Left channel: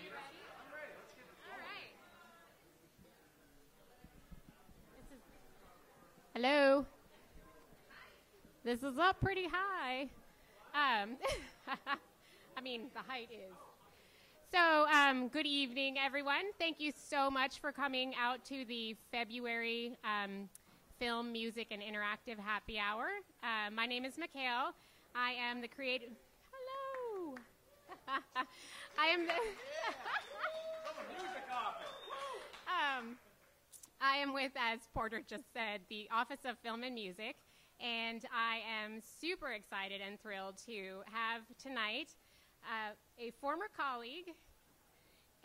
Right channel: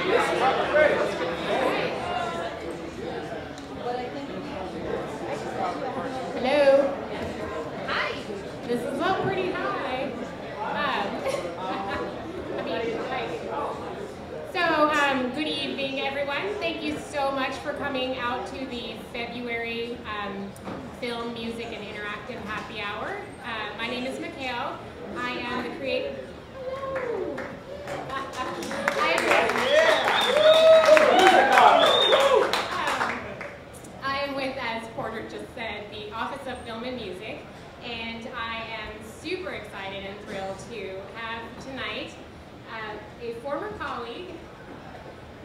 Hello. Hi. This is up pretty high. Good evening, everyone. Thank you so much for coming out to the February Film, Music, and Interactive Happy Hour. My name is Mikhail. I am the creator. I am with, as Porter just said, the Office of Film and Music, and I am super excited and thrilled to have tonight a former colleague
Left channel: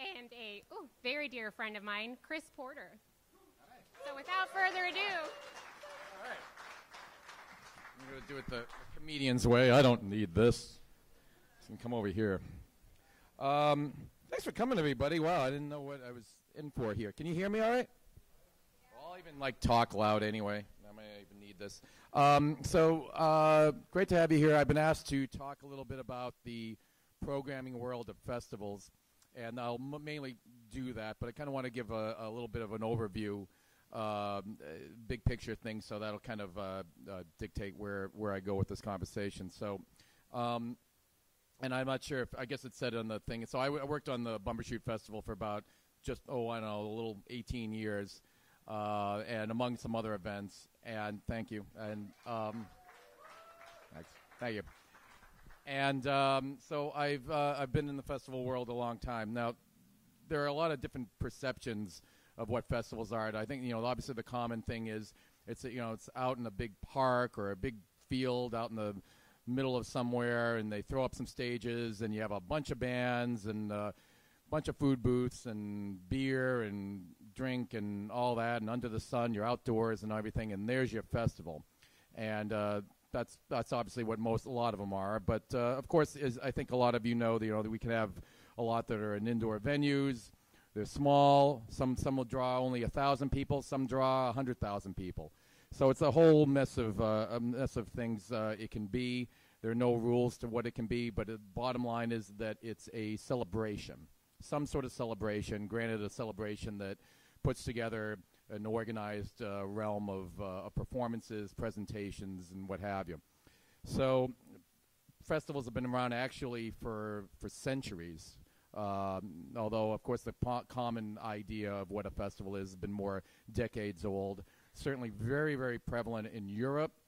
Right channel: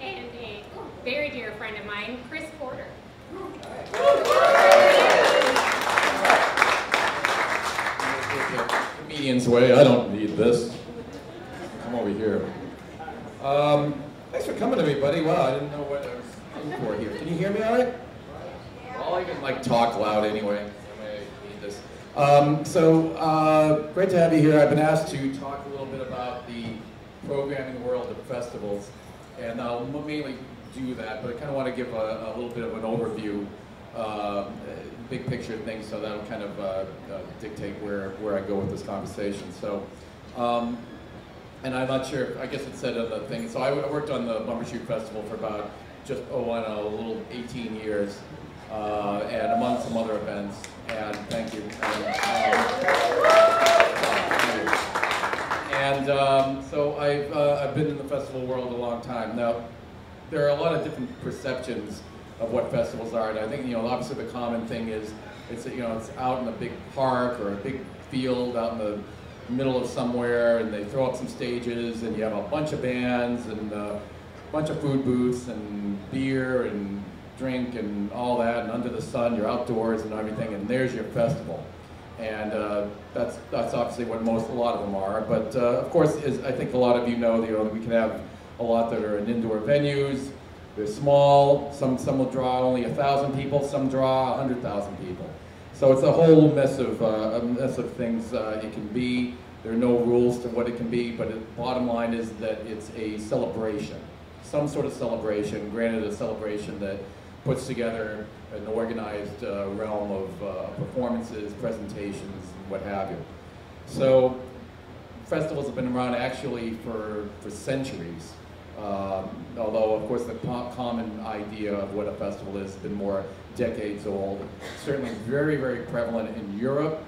and a very dear friend of mine, Chris Porter. Comedian's way, I don't need this. Come over here. Thanks for coming to me, buddy. Wow, I didn't know what I was looking for here. Can you hear me all right? Well, I can like talk loud anyway. I need this. Great to have you here. I've been asked to talk a little bit about the programming world of festivals, and I'll mainly do that, but I kind of want to give a little bit of an overview, big picture things, so that'll kind of dictate where I go with this conversation. So, and I'm not sure, I guess it said on the thing, so I worked on the Bumbershoot Festival for about just, a little 18 years, and among some other events, and thank you. So I've been in the festival world a long time. Now, there are a lot of different perceptions of what festivals are, and I think, obviously the common thing is it's out in a big park or a big field out in the middle of somewhere, and they throw up some stages, and you have a bunch of bands and a bunch of food booths and beer and drink and all that, and under the sun, you're outdoors and everything, and there's your festival. And that's obviously what a lot of them are. But of course, as I think a lot of you know, we can have a lot that are in indoor venues. They're small. Some will draw only 1,000 people. Some draw 100,000 people. So it's a whole mess of things it can be. There are no rules to what it can be. But the bottom line is that it's a celebration, some sort of celebration. Granted, a celebration that puts together an organized realm of performances, presentations, and what have you. So festivals have been around actually for centuries. Although, of course, the common idea of what a festival is has been more decades old. Certainly very, very prevalent in Europe.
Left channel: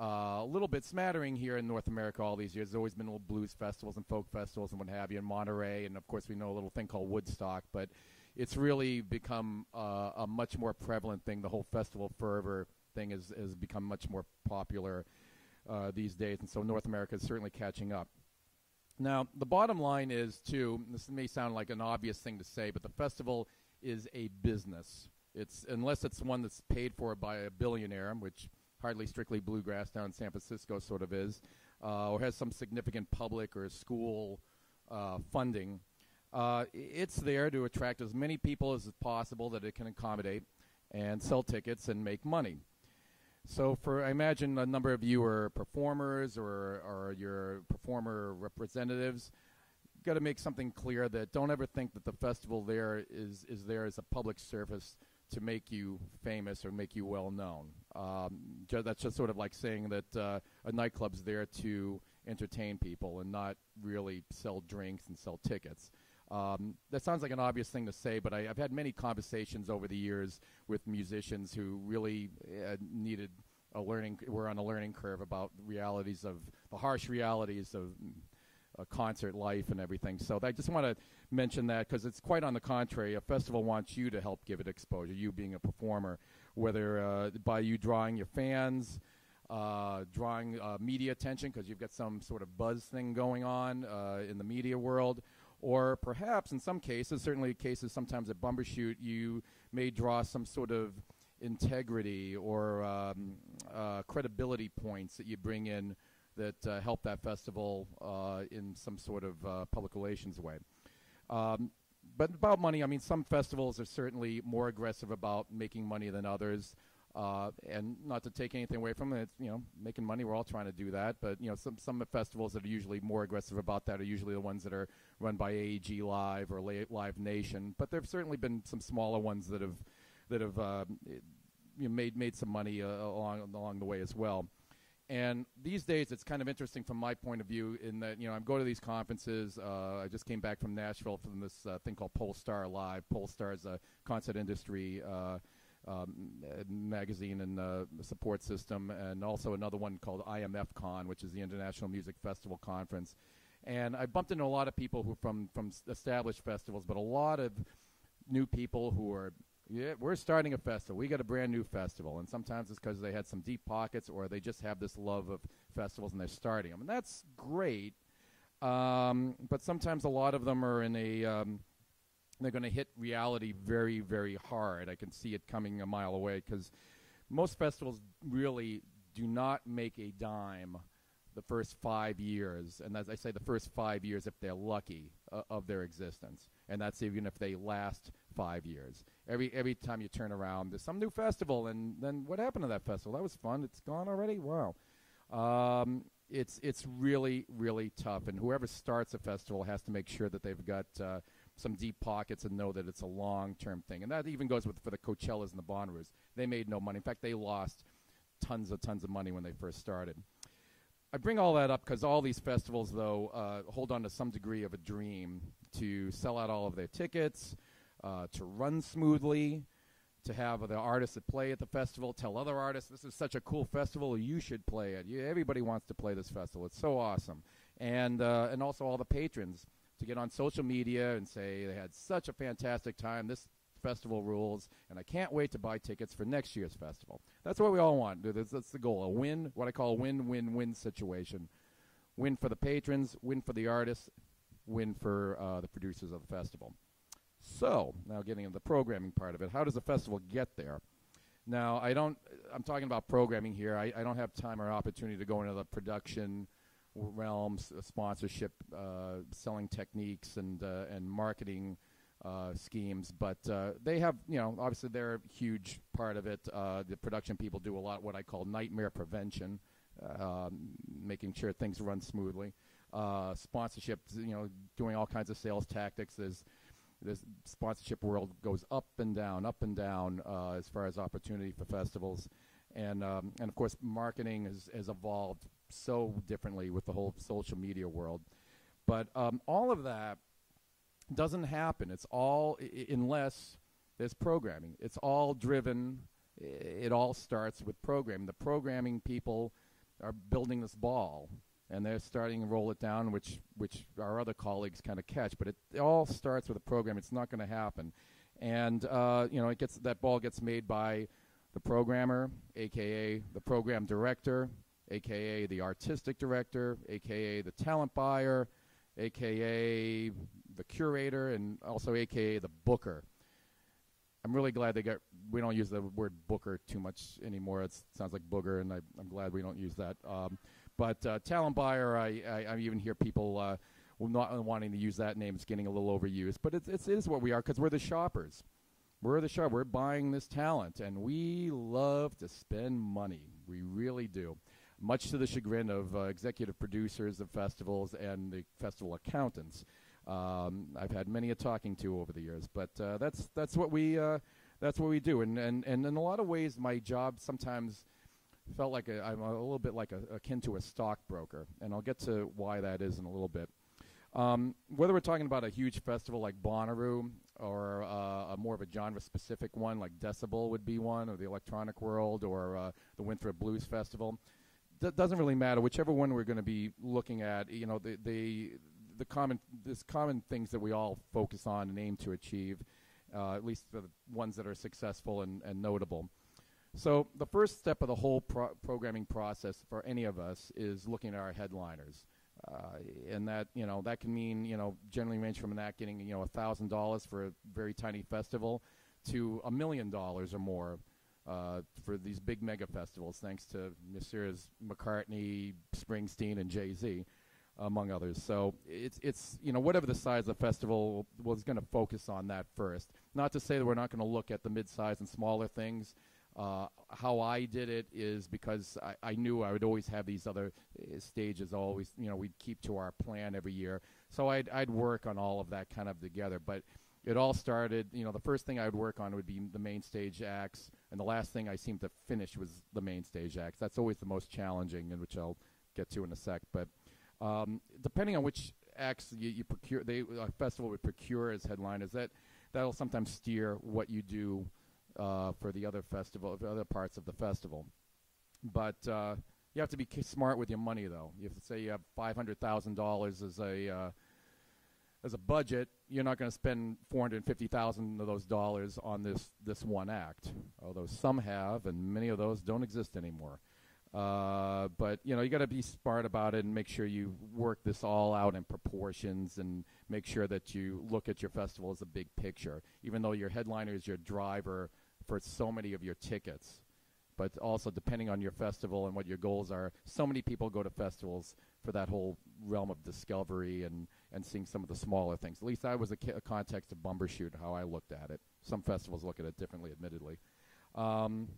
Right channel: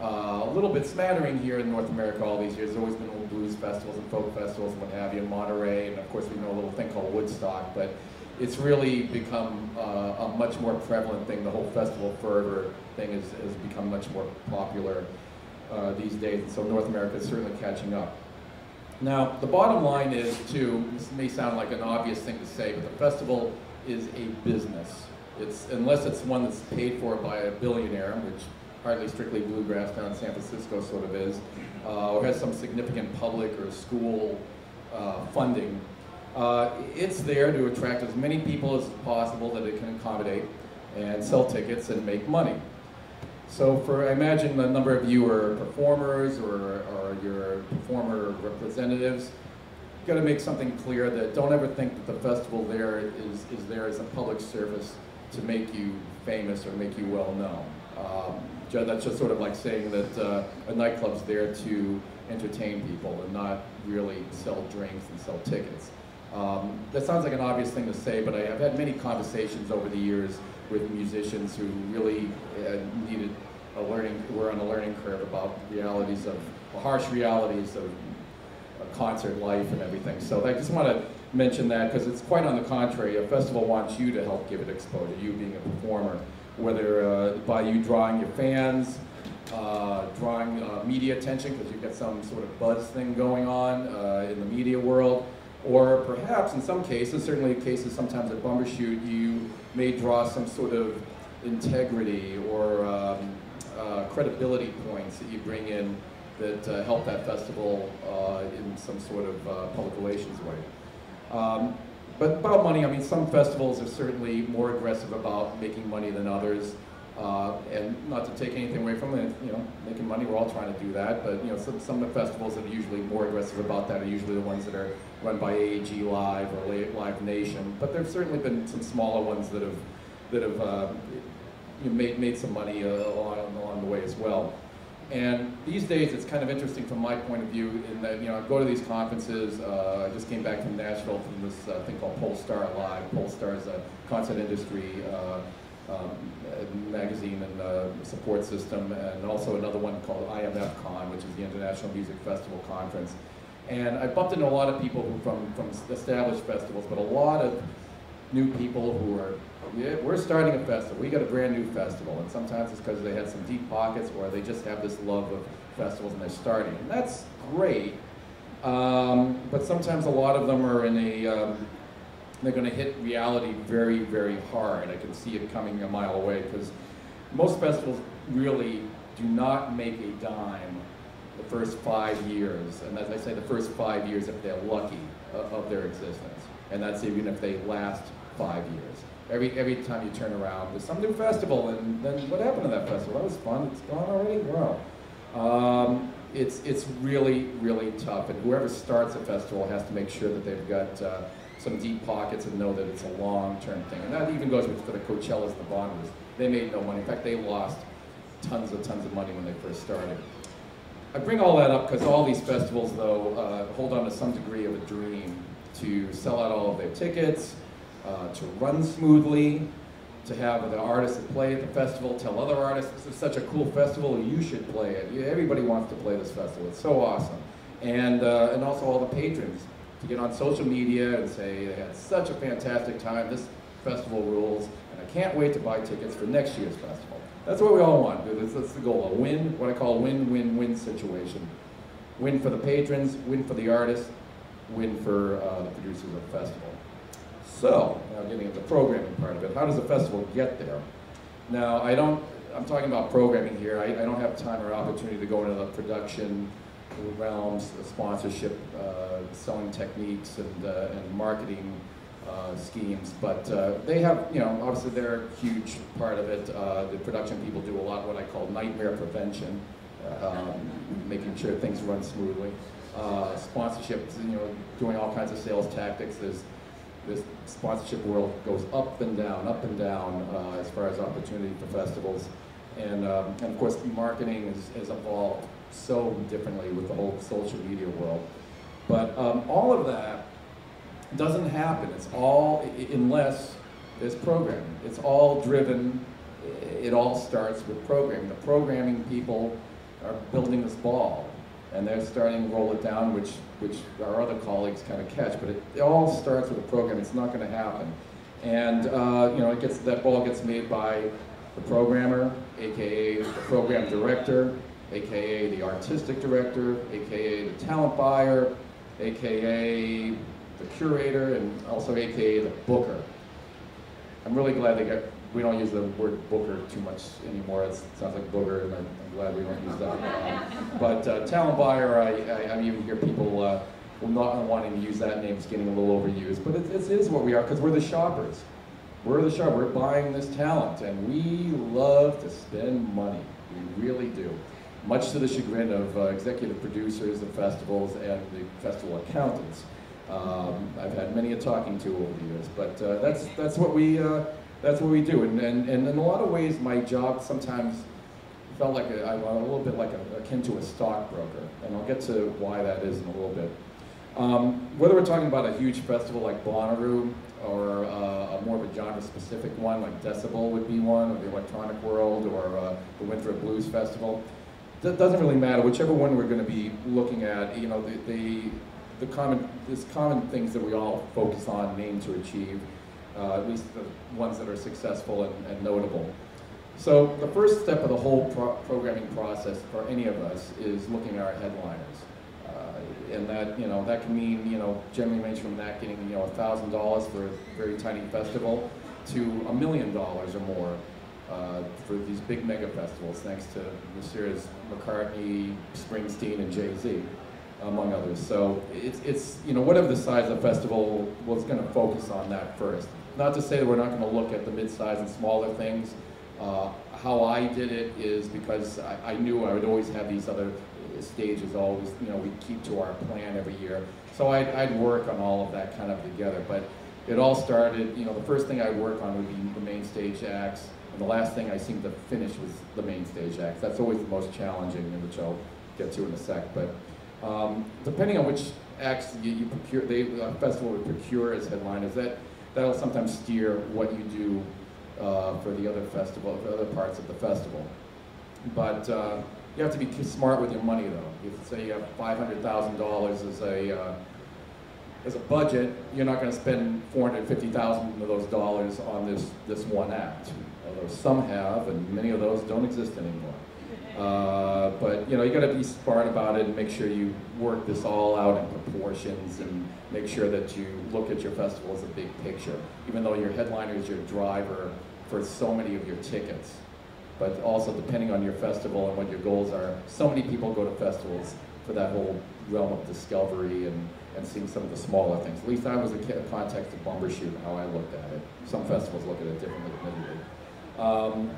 A little bit smattering here in North America all these years. There's always been little blues festivals and folk festivals and what have you in Monterey, and of course we know a little thing called Woodstock, but it's really become a much more prevalent thing. The whole festival fervor thing has become much more popular these days, and so North America is certainly catching up. Now, the bottom line is, too, this may sound like an obvious thing to say, but the festival is a business. Unless it's one that's paid for by a billionaire, which hardly Strictly Bluegrass down in San Francisco sort of is, or has some significant public or school funding. It's there to attract as many people as possible that it can accommodate and sell tickets and make money. So I imagine a number of you are performers or you're performer representatives. You've got to make something clear that don't ever think that the festival there is there as a public service to make you famous or make you well known. That's just sort of like saying that a nightclub's there to entertain people and not really sell drinks and sell tickets. That sounds like an obvious thing to say, but I've had many conversations over the years with musicians who really were on a learning curve about harsh realities of concert life and everything. So I just want to mention that because it's quite on the contrary. A festival wants you to help give it exposure, you being a performer, whether by you drawing your fans, drawing media attention because you've got some sort of buzz thing going on in the media world, or perhaps in some cases, certainly in cases sometimes at Bumbershoot, you may draw some sort of integrity or credibility points that you bring in that help that festival in some sort of public relations way. But about money, I mean, some festivals are certainly more aggressive about making money than others. And not to take anything away from it, you know, making money, we're all trying to do that, but you know, some of the festivals that are usually more aggressive about that are usually the ones that are run by AAG Live or Live Nation. But there've certainly been some smaller ones that have you know, made some money along the way as well. And these days, it's kind of interesting from my point of view in that, you know, I go to these conferences. I just came back from Nashville from this thing called Polestar Live. Polestar is a concert industry magazine and support system, and also another one called IMF Con, which is the International Music Festival Conference. And I bumped into a lot of people who from established festivals, but a lot of new people who are, yeah, we're starting a festival. We got a brand new festival, and sometimes it's because they had some deep pockets, or they just have this love of festivals and they're starting. And that's great, but sometimes a lot of them are in a, they're going to hit reality very, very hard. I can see it coming a mile away, because most festivals really do not make a dime the first 5 years, and as I say, the first 5 years if they're lucky of their existence, and that's even if they last 5 years. Every time you turn around, there's some new festival, and then what happened to that festival? That was fun. It's gone already? Wow. It's really, really tough, and whoever starts a festival has to make sure that they've got some deep pockets and know that it's a long-term thing. And that even goes for the Coachellas and the Bonners. They made no money. In fact, they lost tons of money when they first started. I bring all that up because all these festivals, though, hold on to some degree of a dream to sell out all of their tickets, to run smoothly, to have the artists that play at the festival tell other artists, this is such a cool festival, you should play it. Everybody wants to play this festival. It's so awesome. And also all the patrons to get on social media and say they had such a fantastic time, this festival rules, and I can't wait to buy tickets for next year's festival. That's what we all want. That's the goal, a win, what I call a win-win-win situation. Win for the patrons, win for the artists, win for the producers of the festival. So, now getting into the programming part of it, how does a festival get there? Now, I'm talking about programming here. I don't have time or opportunity to go into the production realms, sponsorship, selling techniques, and marketing schemes, but they have, you know, obviously they're a huge part of it. The production people do a lot of what I call nightmare prevention, making sure things run smoothly. Sponsorship, you know, doing all kinds of sales tactics. This sponsorship world goes up and down as far as opportunity for festivals. And of course, marketing has evolved so differently with the whole social media world. But all of that doesn't happen. It's all, unless there's programming. It's all driven, it all starts with programming. The programming people are building this ball, and they're starting to roll it down, which our other colleagues kind of catch. But it all starts with a program. It's not going to happen. And you know, that ball gets made by the programmer, aka the program director, aka the artistic director, aka the talent buyer, aka the curator, and also aka the booker. I'm really glad we don't use the word booker too much anymore. It sounds like booger, and I'm glad we don't use that. But talent buyer, I even hear people not wanting to use that name. It's getting a little overused, but it is what we are, because we're the shoppers. We're the shopper. We're buying this talent, and we love to spend money. We really do. Much to the chagrin of executive producers of festivals and the festival accountants. I've had many a talking to over the years, but that's what we do. And in a lot of ways, my job sometimes felt like I'm a little bit like akin to a stockbroker, and I'll get to why that is in a little bit. Whether we're talking about a huge festival like Bonnaroo, or a more of a genre-specific one like Decibel would be one, or the Electronic World, or the Winthrop Blues Festival. That doesn't really matter. Whichever one we're going to be looking at, you know, there's common things that we all focus on, aim to achieve, at least the ones that are successful and notable. So the first step of the whole programming process for any of us is looking at our headliners. And that, you know, that can mean, you know, generally range from that getting, you know, $1,000 for a very tiny festival to $1 million or more for these big mega festivals, thanks to this year's McCartney, Springsteen, and Jay-Z, among others. So it's you know, whatever the size of the festival, was going to focus on that first. Not to say that we're not going to look at the mid-size and smaller things. How I did it is because I knew I would always have these other stages always, we'd keep to our plan every year. So I'd work on all of that kind of together. But it all started, the first thing I'd work on would be the main stage acts. And the last thing I seemed to finish was the main stage acts. That's always the most challenging, which I'll get to in a sec. But depending on which acts you procure, the festival would procure as headliners, that'll sometimes steer what you do for the other festival, for other parts of the festival. But you have to be smart with your money, though. If say you have $500,000 as a budget, you're not going to spend $450,000 of those dollars on this one act. Although some have, and many of those don't exist anymore. But you got to be smart about it and make sure you work this all out in proportions and make sure that you look at your festival as a big picture, even though your headliner is your driver for so many of your tickets. But also depending on your festival and what your goals are, so many people go to festivals for that whole realm of discovery and seeing some of the smaller things. At least I was in the context of Bumbershoot and how I looked at it. Some festivals look at it differently, admittedly.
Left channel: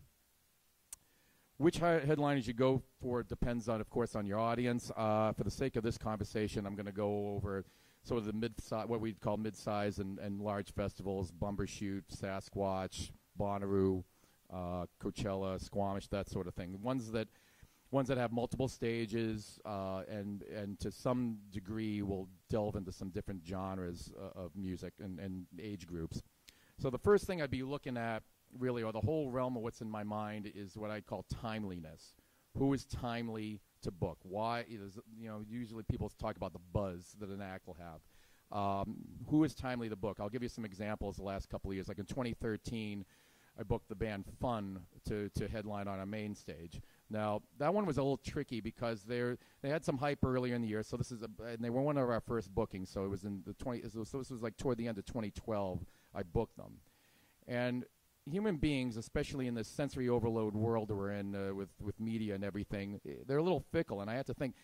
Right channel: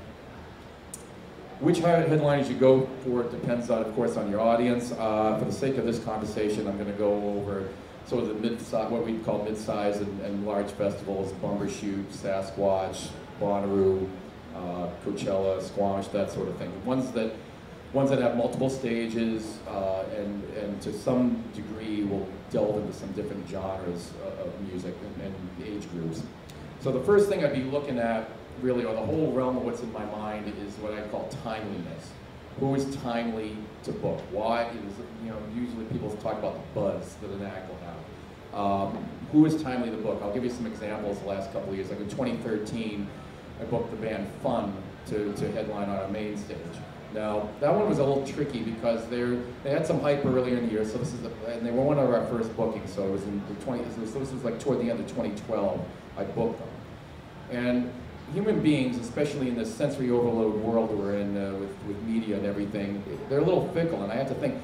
Which headliners you go for depends on, of course, on your audience. For the sake of this conversation, I'm going to go over sort of the mid-size, what we call mid-size and large festivals: Bumbershoot, Sasquatch, Bonnaroo, Coachella, Squamish, that sort of thing. Ones that have multiple stages and to some degree will delve into some different genres of music and age groups. So the first thing I'd be looking at, really, or the whole realm of what's in my mind, is what I call timeliness. Who is timely to book? Why is, usually people talk about the buzz that an act will have. Who is timely to book? I'll give you some examples the last couple of years. Like in 2013, I booked the band Fun to headline on a main stage. Now, that one was a little tricky because they had some hype earlier in the year, so and they were one of our first bookings, so it was in this was like toward the end of 2012, I booked them. And human beings, especially in this sensory overload world we're in with media and everything, they're a little fickle, and I had to think,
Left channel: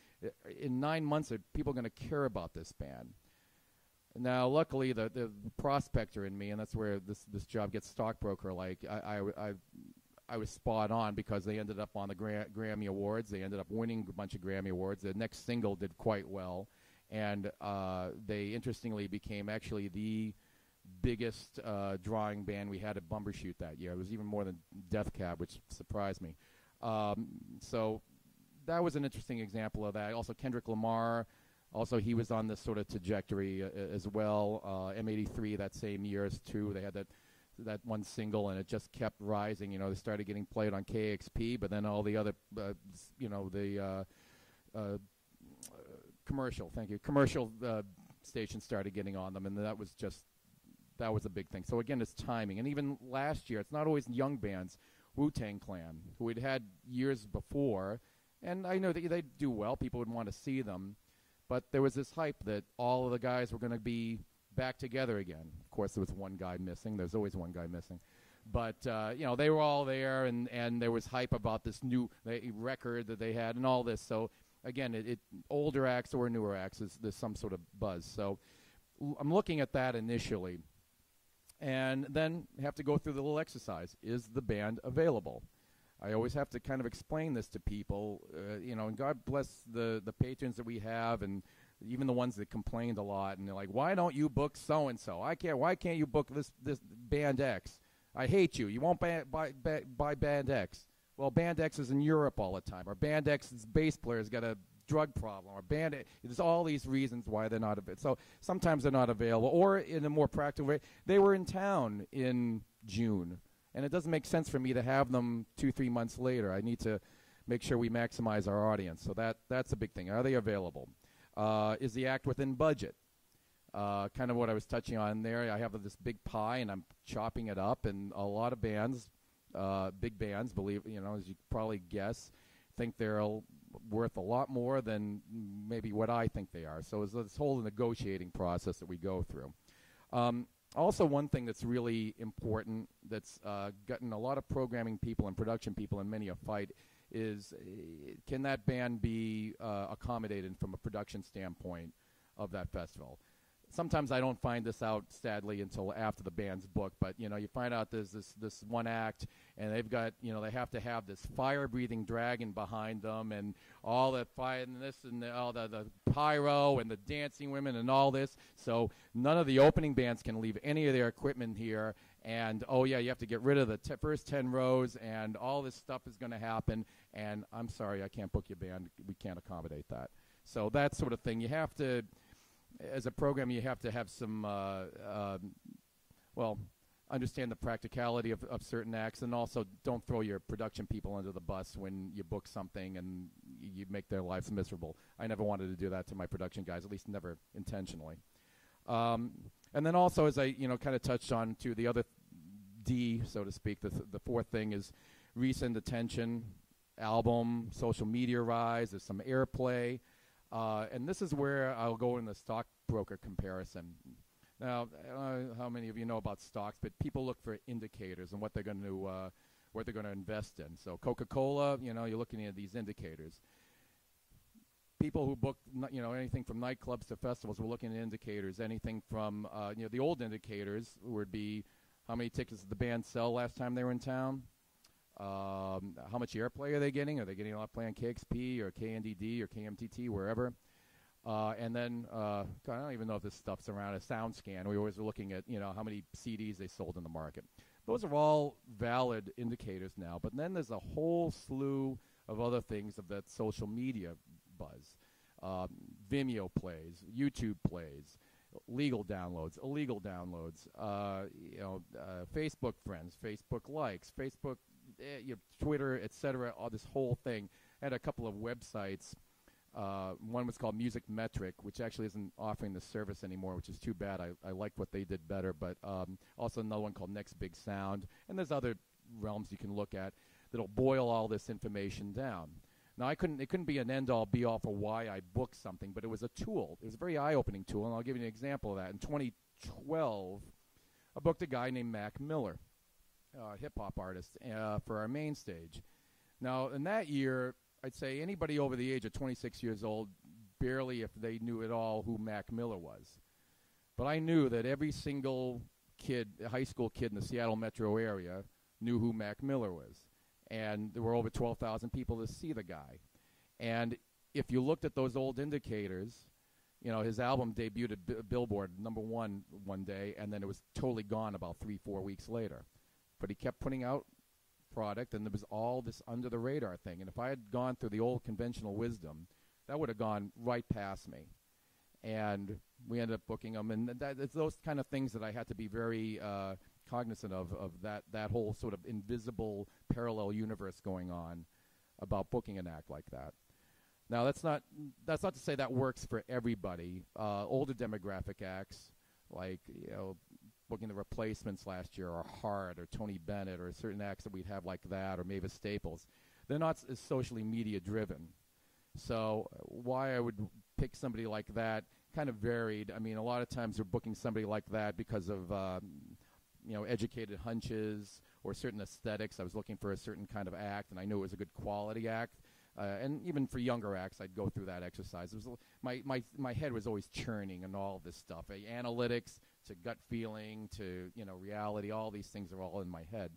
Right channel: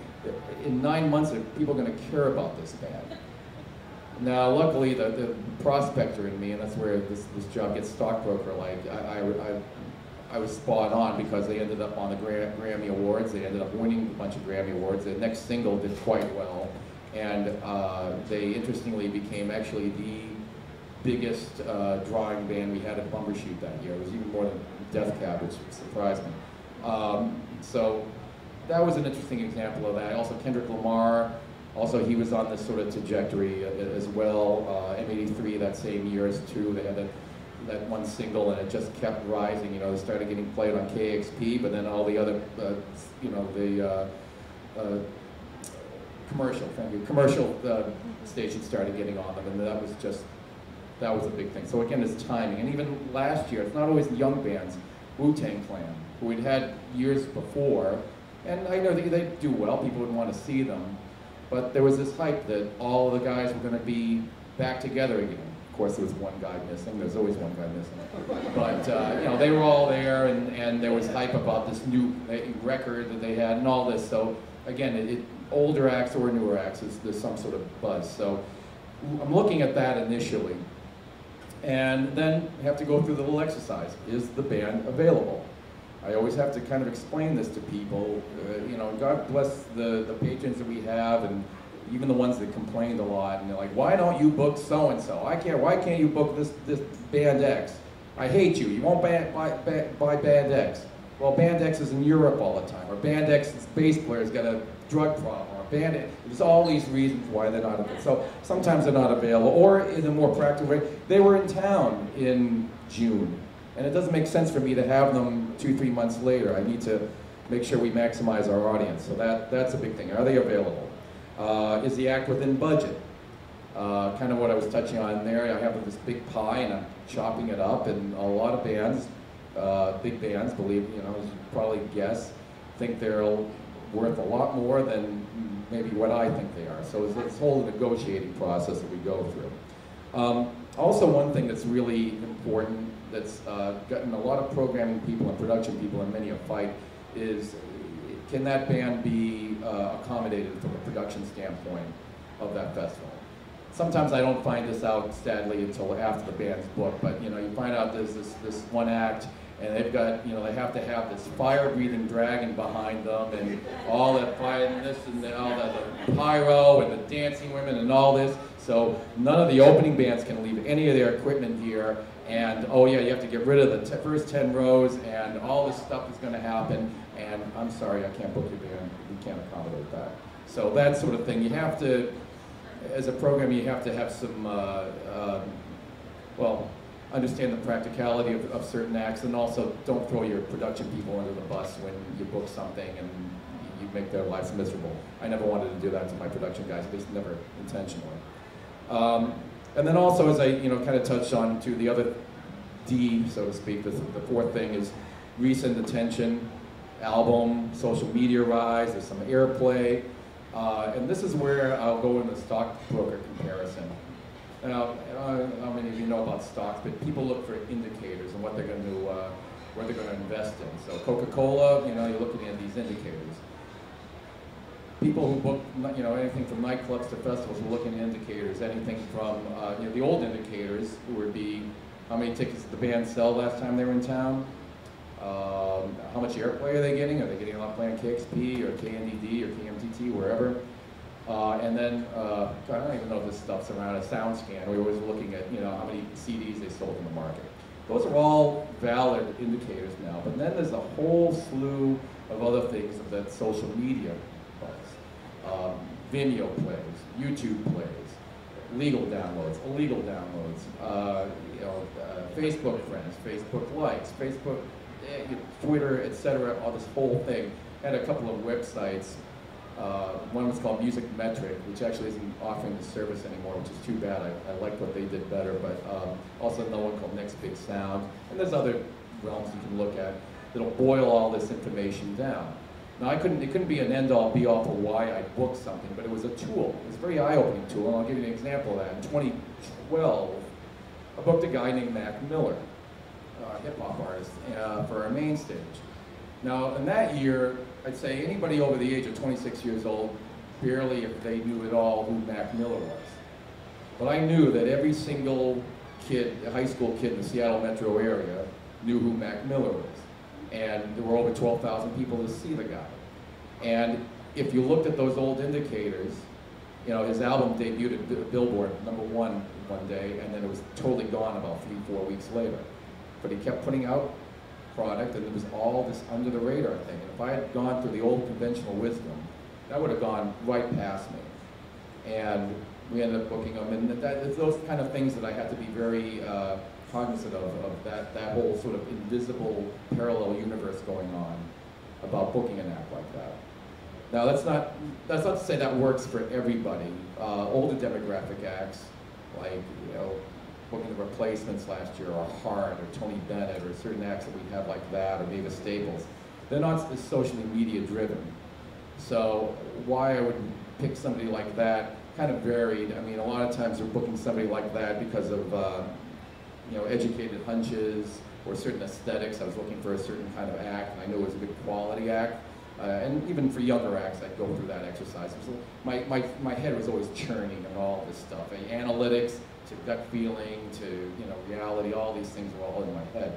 in 9 months, are people going to care about this band? Now, luckily, the prospector in me, and that's where this job gets stockbroker-like, I was spot on because they ended up on the Grammy Awards. They ended up winning a bunch of Grammy Awards. Their next single did quite well, and they interestingly became actually the biggest drawing band we had at Bumbershoot that year. It was even more than Death Cab, which surprised me. So that was an interesting example of that. Also, Kendrick Lamar, also he was on this sort of trajectory as well. M83 that same year as too. They had that one single, and it just kept rising. They started getting played on KXP, but then all the other, commercial stations started getting on them, and that was a big thing. So again, it's timing. And even last year, it's not always the young bands. Wu-Tang Clan, who we'd had years before, and I know they do well. People would want to see them, but there was this hype that all the guys were going to be back together again. Of course, there was one guy missing. There's always one guy missing. But they were all there, and there was hype about this new record that they had and all this. So again, older acts or newer acts, there's some sort of buzz. So I'm looking at that initially, and then have to go through the little exercise. Is the band available? I always have to kind of explain this to people. God bless the patrons that we have, and even the ones that complained a lot, and they're like, why don't you book so-and-so? Why can't you book this band X? I hate you. You won't buy band X. Well, band X is in Europe all the time, or band X's bass player's got a drug problem, or band X. There's all these reasons why they're not available. So sometimes they're not available, or in a more practical way, they were in town in June, and it doesn't make sense for me to have them 2-3 months later. I need to make sure we maximize our audience. So that's a big thing. Are they available? Is the act within budget? Kind of what I was touching on there. I have this big pie and I'm chopping it up, and a lot of bands, big bands, as you probably guess, think they're worth a lot more than maybe what I think they are. So it's this whole negotiating process that we go through. Also, one thing that's really important that's gotten a lot of programming people and production people in many a fight is, can that band be accommodated from a production standpoint of that festival? Sometimes I don't find this out, sadly, until after the band's booked, but you find out there's this one act, and they've got, you know, they have to have this fire-breathing dragon behind them, and all that fire, and this and all that, the pyro, and the dancing women, and all this. So none of the opening bands can leave any of their equipment here, and oh yeah, you have to get rid of the first 10 rows, and all this stuff is going to happen, and I'm sorry, I can't book your band, we can't accommodate that. So that sort of thing, you have to, as a program, you have to have some, well, understand the practicality of certain acts, and also don't throw your production people under the bus when you book something and you make their lives miserable. I never wanted to do that to my production guys, at least never intentionally. And then also, as I kind of touched on to the other D, so to speak, the fourth thing is recent attention, album, social media rise, there's some airplay, and this is where I'll go in the stockbroker comparison. Now, how many of you know about stocks? But people look for indicators and what they're going to, where they're going to invest in. So Coca-Cola, you're looking at these indicators. People who book, anything from nightclubs to festivals are looking at indicators. Anything from the old indicators would be how many tickets did the band sell last time they were in town. How much airplay are they getting? Are they getting a lot playing KXP or KNDD or KMTT, wherever? And then, I don't even know if this stuff's around a sound scan. We were looking at, how many CDs they sold in the market. Those are all valid indicators now, but then there's a whole slew of other things that social media does. Vimeo plays, YouTube plays, legal downloads, illegal downloads, Facebook friends, Facebook likes, Facebook, Twitter, etc., all this whole thing. I had a couple of websites. One was called Music Metric, which actually isn't offering the service anymore, which is too bad. I liked what they did better, but also another one called Next Big Sound. And there's other realms you can look at that'll boil all this information down. Now, it couldn't be an end-all, be-all for why I booked something, but it was a tool. It was a very eye-opening tool, and I'll give you an example of that. In 2012, I booked a guy named Mac Miller, a hip-hop artist, for our main stage. Now, in that year, I'd say anybody over the age of 26 years old, barely if they knew at all who Mac Miller was. But I knew that every single kid, high school kid in the Seattle metro area, knew who Mac Miller was. And there were over 12,000 people to see the guy. And if you looked at those old indicators, his album debuted at Billboard #1 one day, and then it was totally gone about 3-4 weeks later. But he kept putting out product, and it was all this under the radar thing. And if I had gone through the old conventional wisdom, that would have gone right past me. And we ended up booking them, and it's those kind of things that I had to be very cognizant of that whole sort of invisible parallel universe going on about booking an act like that. Now that's not to say that works for everybody. Older demographic acts, like booking the Replacements last year, or Hart, or Tony Bennett, or certain acts that we have like that, or Mavis Staples, they're not as socially media driven. So why I would pick somebody like that kind of varied. I mean, a lot of times we're booking somebody like that because of educated hunches or certain aesthetics. I was looking for a certain kind of act, and I knew it was a good quality act. And even for younger acts, I'd go through that exercise. My head was always churning and all this stuff. Analytics to gut feeling to reality, all these things were all in my head.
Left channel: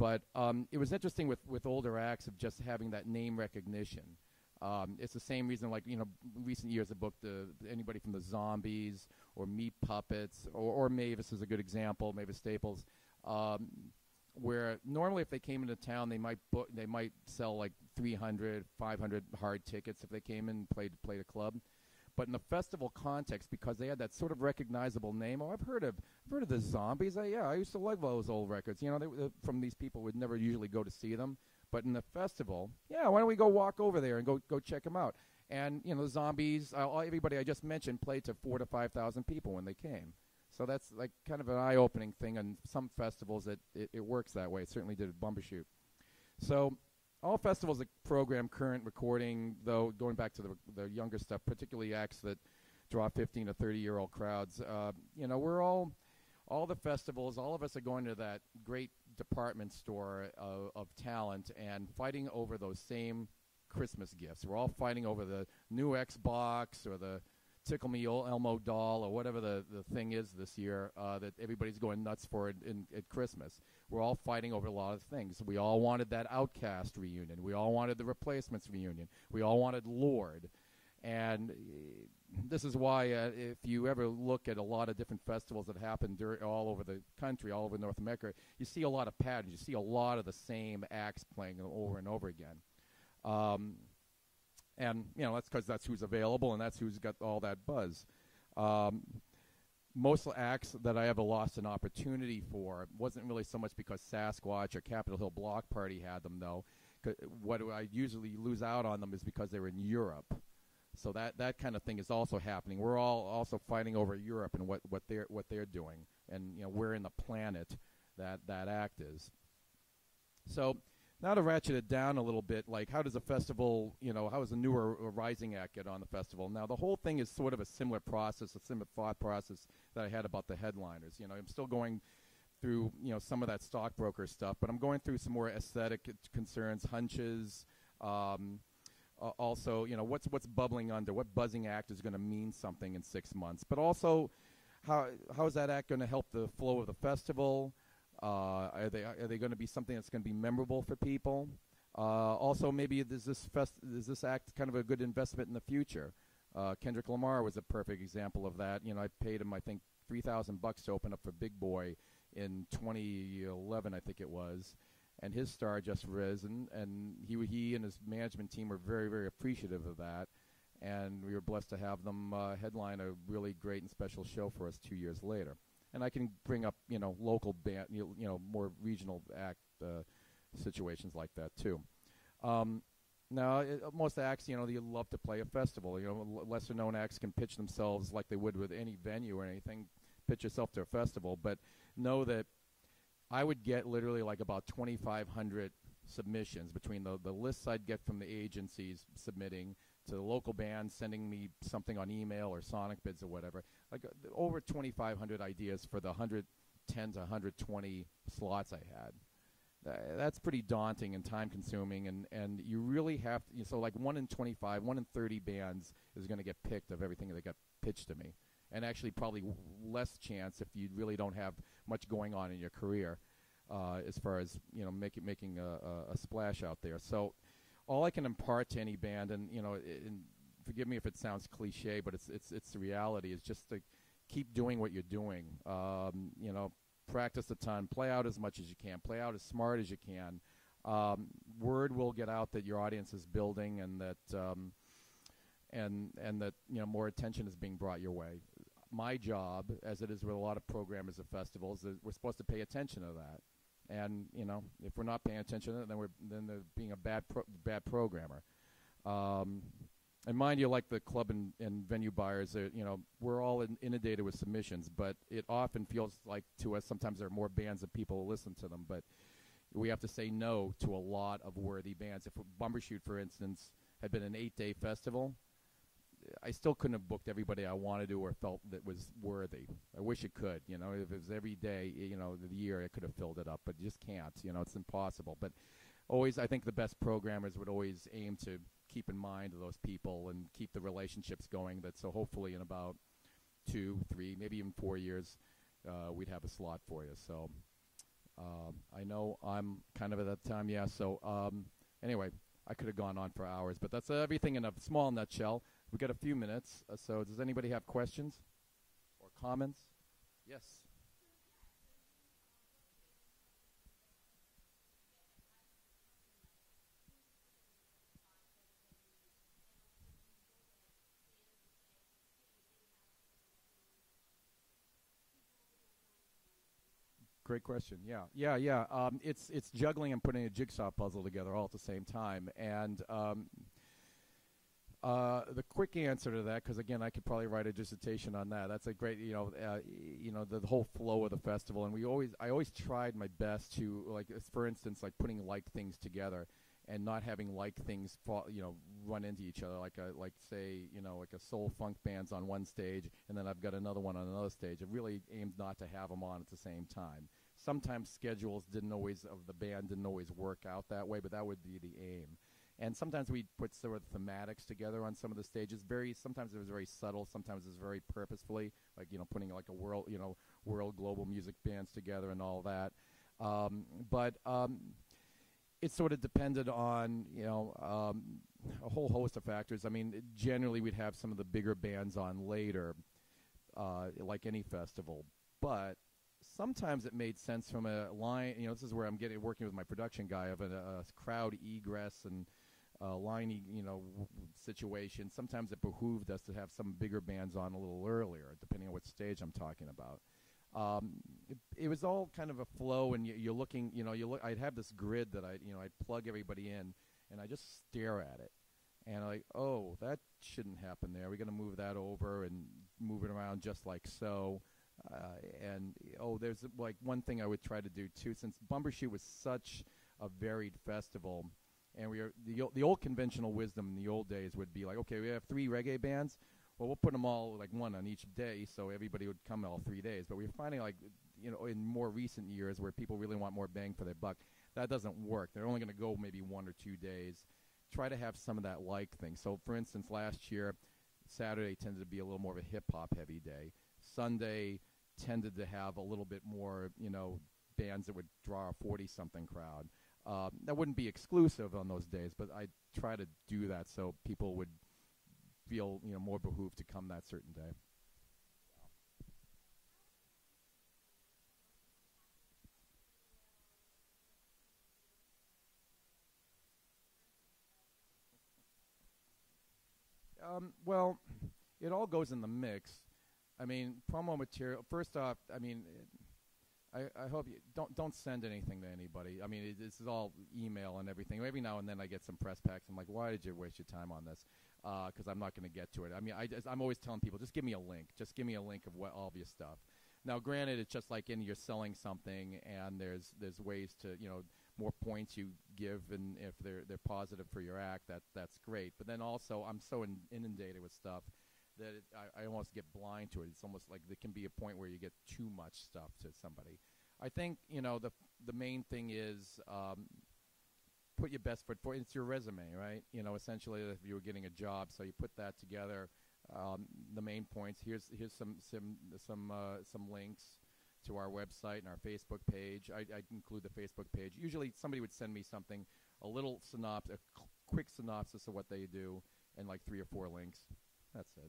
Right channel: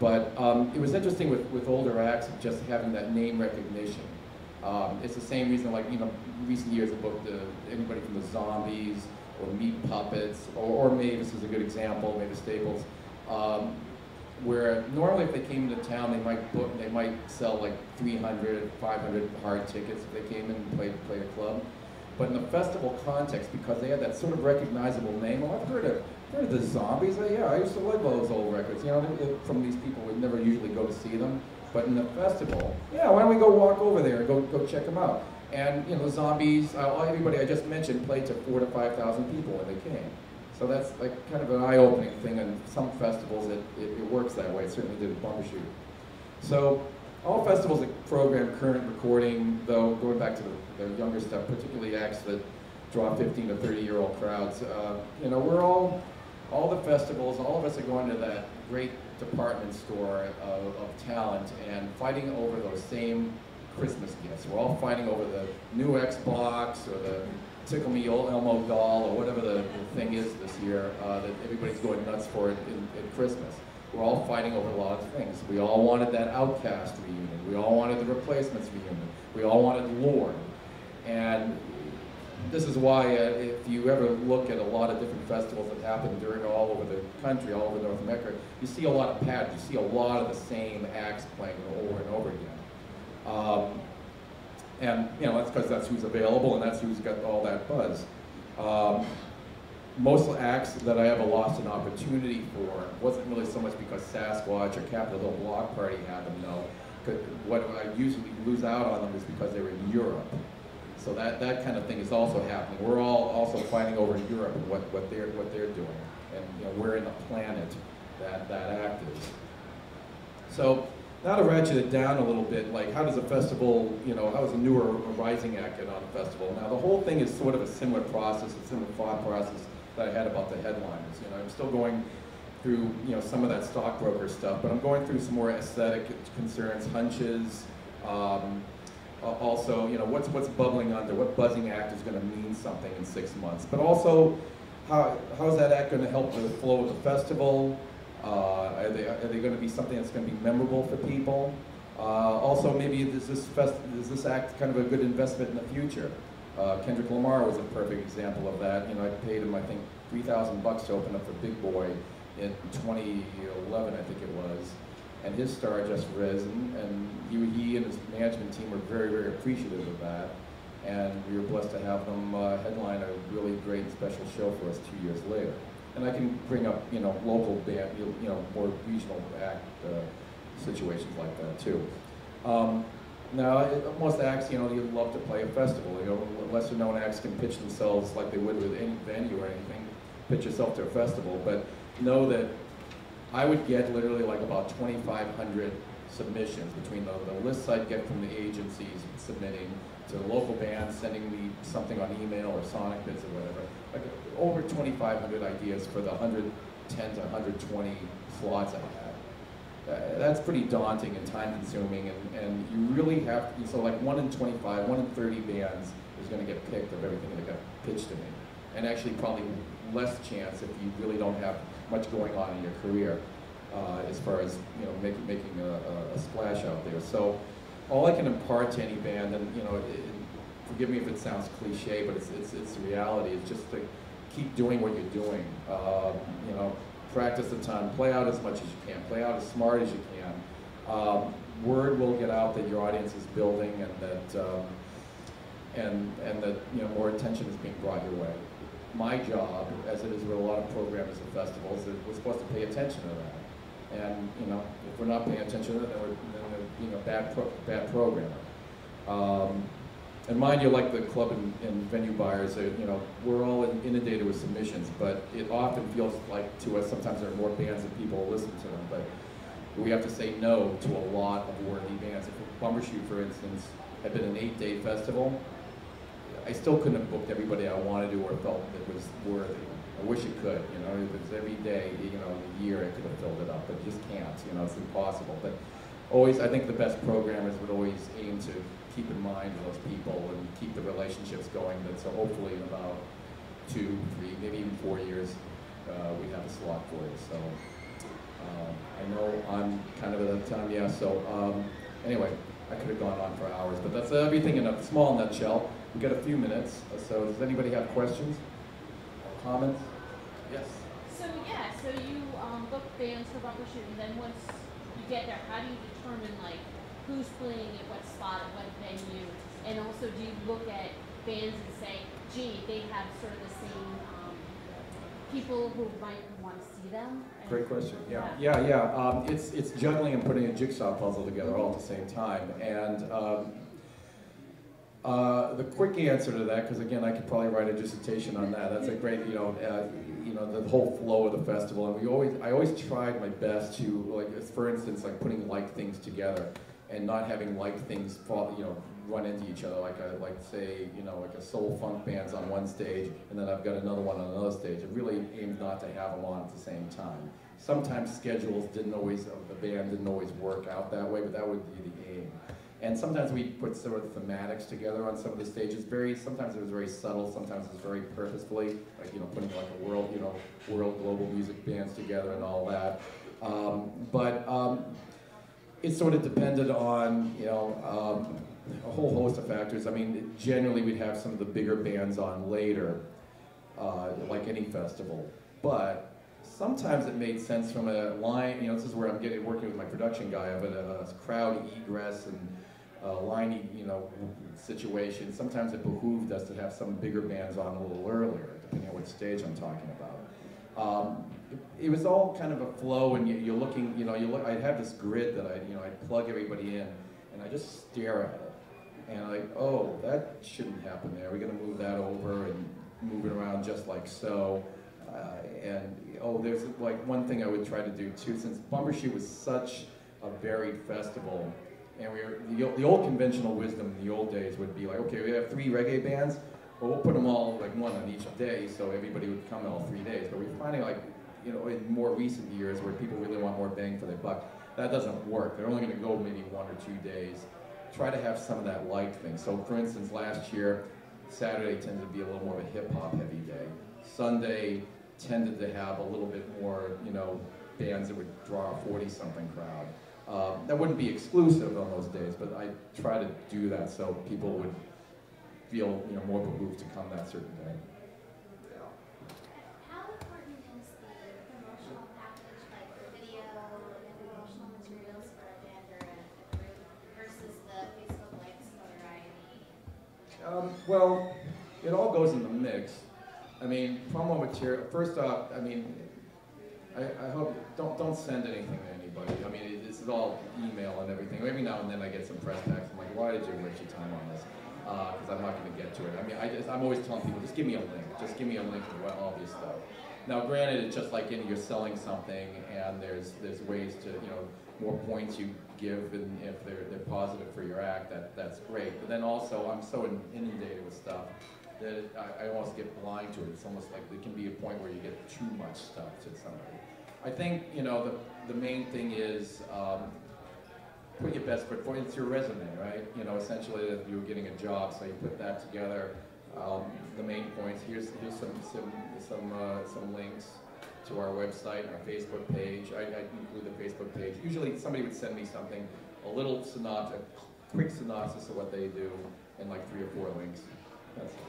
But it was interesting with older acts of just having that name recognition. It's the same reason, like recent years I booked anybody from the Zombies or Meat Puppets, or Mavis is a good example, Mavis Staples, where normally if they came into town, they might sell like 300, 500 hard tickets if they came in and play a club. But in the festival context, because they had that sort of recognizable name, I've heard of the Zombies. Yeah, I used to like all those old records. From these people, we never usually go to see them. But in the festival, yeah, why don't we go walk over there and go check them out? And the Zombies, everybody I just mentioned played to 4,000 to 5,000 people when they came. So that's like kind of an eye-opening thing. And some festivals it works that way. It certainly did at Bumbershoot. So all festivals that program current recording, though, going back to the younger stuff, particularly acts that draw 15 to 30-year-old crowds, we're all the festivals, all of us are going to that great department store of talent and fighting over those same Christmas gifts. We're all fighting over the new Xbox or the Tickle Me Elmo doll or whatever the thing is this year that everybody's going nuts for at Christmas. we're all fighting over a lot of things. We all wanted that Outcast reunion. We all wanted the Replacements reunion. We all wanted Lord. And this is why if you ever look at a lot of different festivals that happen all over the country, all over North America, you see a lot of patterns. You see a lot of the same acts playing over and over again. And you know, that's because that's who's available and that's who's got all that buzz. Most acts that I ever lost an opportunity for wasn't really so much because Sasquatch or Capitol Hill Block Party had them, no. What I usually lose out on them is because they were in Europe. So that kind of thing is also happening. We're all also fighting over Europe and what they're doing, and you know, we're in the planet that act is. So now to ratchet it down a little bit, like how does a festival, you know, how does a newer or rising act get on a festival? Now the whole thing is sort of a similar process, a similar thought process that I had about the headliners. You know, I'm still going through, you know, some of that stockbroker stuff, but I'm going through some more aesthetic concerns, hunches. Also, you know, what's bubbling under, what buzzing act is going to mean something in 6 months, but also how's that act going to help with the flow of the festival? Are they going to be something that's going to be memorable for people? Also, maybe is this act kind of a good investment in the future? Kendrick Lamar was a perfect example of that. You know, I paid him, I think, $3,000 to open up for Big Boy in 2011, I think it was. And his star just risen, and he and his management team were very, very appreciative of that. And we were blessed to have them headline a really great special show for us 2 years later. And I can bring up, you know, local band, you know, more regional act situations like that too. Now, most acts, you know, you'd love to play a festival. You know, lesser known acts can pitch themselves like they would with any venue or anything, pitch yourself to a festival, but know that I would get literally like about 2,500 submissions between the lists I'd get from the agencies submitting to the local bands sending me something on email or Sonic Bits or whatever. Like over 2,500 ideas for the 110 to 120 slots I had. That's pretty daunting and time consuming, and you really have to, so like 1 in 25, 1 in 30 bands is going to get picked of everything that got pitched to me. And actually probably less chance if you really don't have much going on in your career as far as, you know, making a splash out there. So all I can impart to any band, and you know, forgive me if it sounds cliche, but it's the reality. It's just to keep doing what you're doing. You know, practice a ton, play out as much as you can, play out as smart as you can. Word will get out that your audience is building, and that and that, you know, more attention is being brought your way. My job, as it is with a lot of programs and festivals, is we're supposed to pay attention to that. And you know, if we're not paying attention to it, then we're being a bad programmer. And mind you, like the club and venue buyers, you know, we're all inundated with submissions, but it often feels like to us sometimes there are more bands than people listen to them. But we have to say no to a lot of worthy bands. If Bumbershoot, for instance, had been an 8-day festival, I still couldn't have booked everybody I wanted to or felt it was worthy. I wish it could, you know, if it was every day, you know, in a year I could have filled it up, but it just can't, you know, it's impossible. But always, I think the best programmers would always aim to keep in mind those people and keep the relationships going, that so hopefully in about 2, 3, maybe even 4 years, we have a slot for it. So I know I'm kind of at that time, yeah, so anyway, I could have gone on for hours, but that's everything in a small nutshell. We've got a few minutes, so does anybody have questions or comments? Yes? So you book bands for Bumbershoot, and then once you get there, how do you determine like who's playing at what spot at what venue? And also, do you look at bands and say, gee, they have sort of the same people who might want to see them? And great question. Yeah. It's juggling and putting a jigsaw puzzle together all at the same time. And the quick answer to that, because again, I could probably write a dissertation on that. That's a great, you know, the whole flow of the festival. And I always tried my best to, like, for instance, like putting like things together and not having like things fall, you know, run into each other. Like say, you know, like a soul funk band's on one stage, and then I've got another one on another stage. I really aimed not to have them on at the same time. Sometimes schedules didn't always, the band didn't always work out that way, but that would be the aim. And sometimes we put sort of thematics together on some of the stages. Sometimes it was very subtle, sometimes it was very purposefully, like, you know, putting like a world global music bands together and all that. It sort of depended on, a whole host of factors. I mean, generally we'd have some of the bigger bands on later, like any festival. But sometimes it made sense from a line, this is where I'm working with my production guy, of a crowd egress and line, situation. Sometimes it behooved us to have some bigger bands on a little earlier, depending on what stage I'm talking about. It was all kind of a flow, and you're looking, I'd have this grid that I'd plug everybody in, and I just stare at it. And like, oh, that shouldn't happen there. We're going to move that over and move it around just like so. There's like one thing I would try to do too, since Bumbershoot was such a varied festival, and the old conventional wisdom in the old days would be like, okay, we have 3 reggae bands, well, we'll put them all like one on each day, so everybody would come all 3 days. But we're finding like, in more recent years where people really want more bang for their buck, that doesn't work. They're only going to go maybe 1 or 2 days. Try to have some of that light thing. So for instance, last year, Saturday tended to be a little more of a hip-hop heavy day. Sunday tended to have a little bit more, bands that would draw a 40-something crowd. That wouldn't be exclusive on those days, but I try to do that so people would feel, more behooved to come that certain day. How important is the promotional package, like the video and promotional materials for a band or a group versus the Facebook likes, notoriety? Well, it all goes in the mix. I mean, promo material, first off, I mean, I hope, don't send anything to anybody. I mean, this is all email and everything. Every now and then I get some press packs. I'm like, why did you waste your time on this? Because I'm not going to get to it. I mean, I'm always telling people, just give me a link. Just give me a link to all this stuff. Now, granted, it's just like you're selling something, and there's ways to, more points you give, and if they're positive for your act, that's great. But then also, I'm so inundated with stuff that I almost get blind to it. It's almost like there can be a point where you get too much stuff to somebody. I think, the main thing is put your best foot forward. It's your resume, right? Essentially that you're getting a job, so you put that together. The main points. Here's some links to our website and our Facebook page. I include the Facebook page. Usually somebody would send me something, a little synopsis, a quick synopsis of what they do, and like 3 or 4 links. That's it.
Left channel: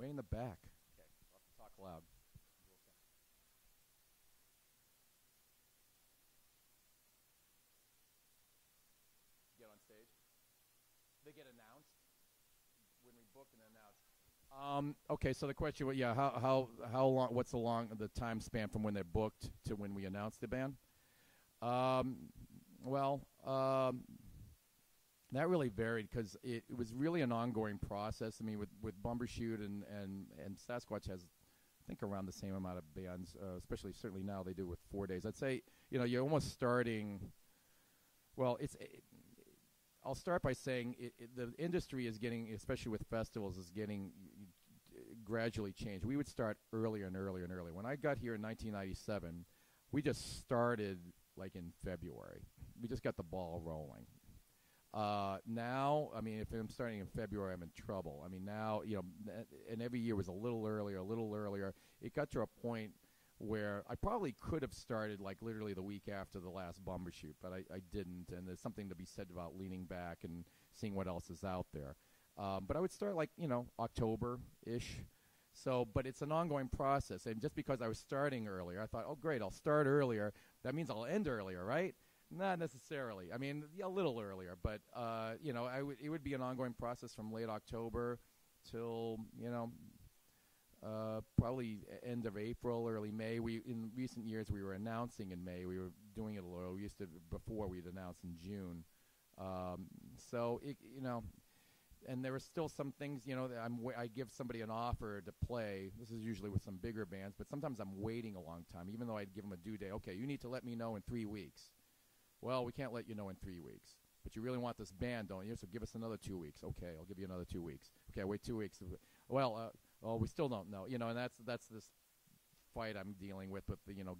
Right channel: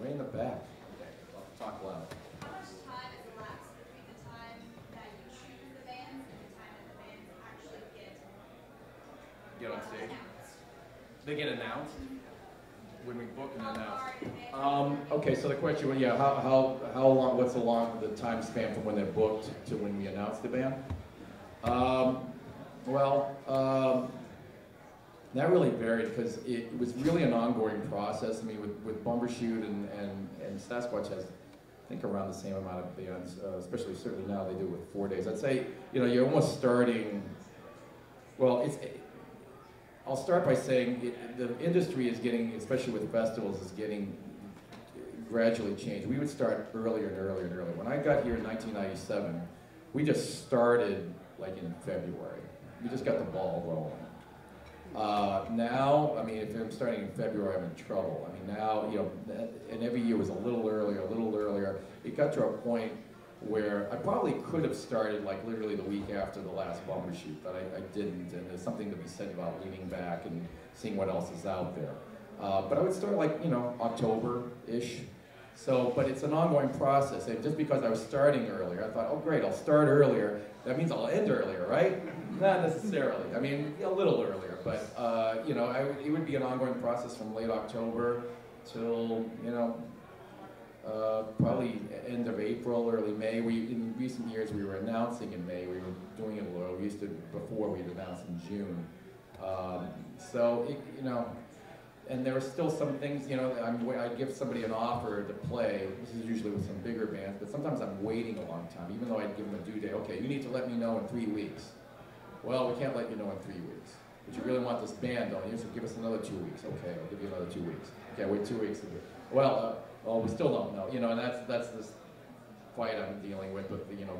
Way in the back. I'll talk loud. How much time has elapsed between the time that you choose the bands and the time that the bands actually get On stage? announced? They get announced when we book and How announce. far in advance? Okay, so the question was, how long? What's the time span from when they're booked to when we announce the band? That really varied because it was really an ongoing process. I mean, with Bumbershoot and Sasquatch has, I think, around the same amount of bands, especially certainly now they do it with 4 days. I'd say, you're almost starting, I'll start by saying the industry is getting, especially with festivals, is getting gradually changed. We would start earlier and earlier and earlier. When I got here in 1997, we just started like in February. We just got the ball rolling. Now, I mean, if I'm starting in February, I'm in trouble. I mean, now, and every year was a little earlier, a little earlier. It got to a point where I probably could have started like literally the week after the last Bumbershoot, but I didn't. And there's something to be said about leaning back and seeing what else is out there. But I would start like, October-ish. So, but it's an ongoing process. And just because I was starting earlier, I thought, oh great, I'll start earlier. That means I'll end earlier, right? Not necessarily. I mean, a little earlier. But, it would be an ongoing process from late October till, probably end of April, early May. In recent years, we were announcing in May. We were doing it a little. We used to, before we'd announce in June. And there were still some things, I'd give somebody an offer to play. This is usually with some bigger bands, but sometimes I'm waiting a long time, even though I'd give them a due date. Okay, you need to let me know in 3 weeks. Well, we can't let you know in 3 weeks. But you really want this band, don't you? So give us another 2 weeks. Okay, I'll give you another 2 weeks. Okay, wait 2 weeks. Well, we still don't know. And that's this fight I'm dealing with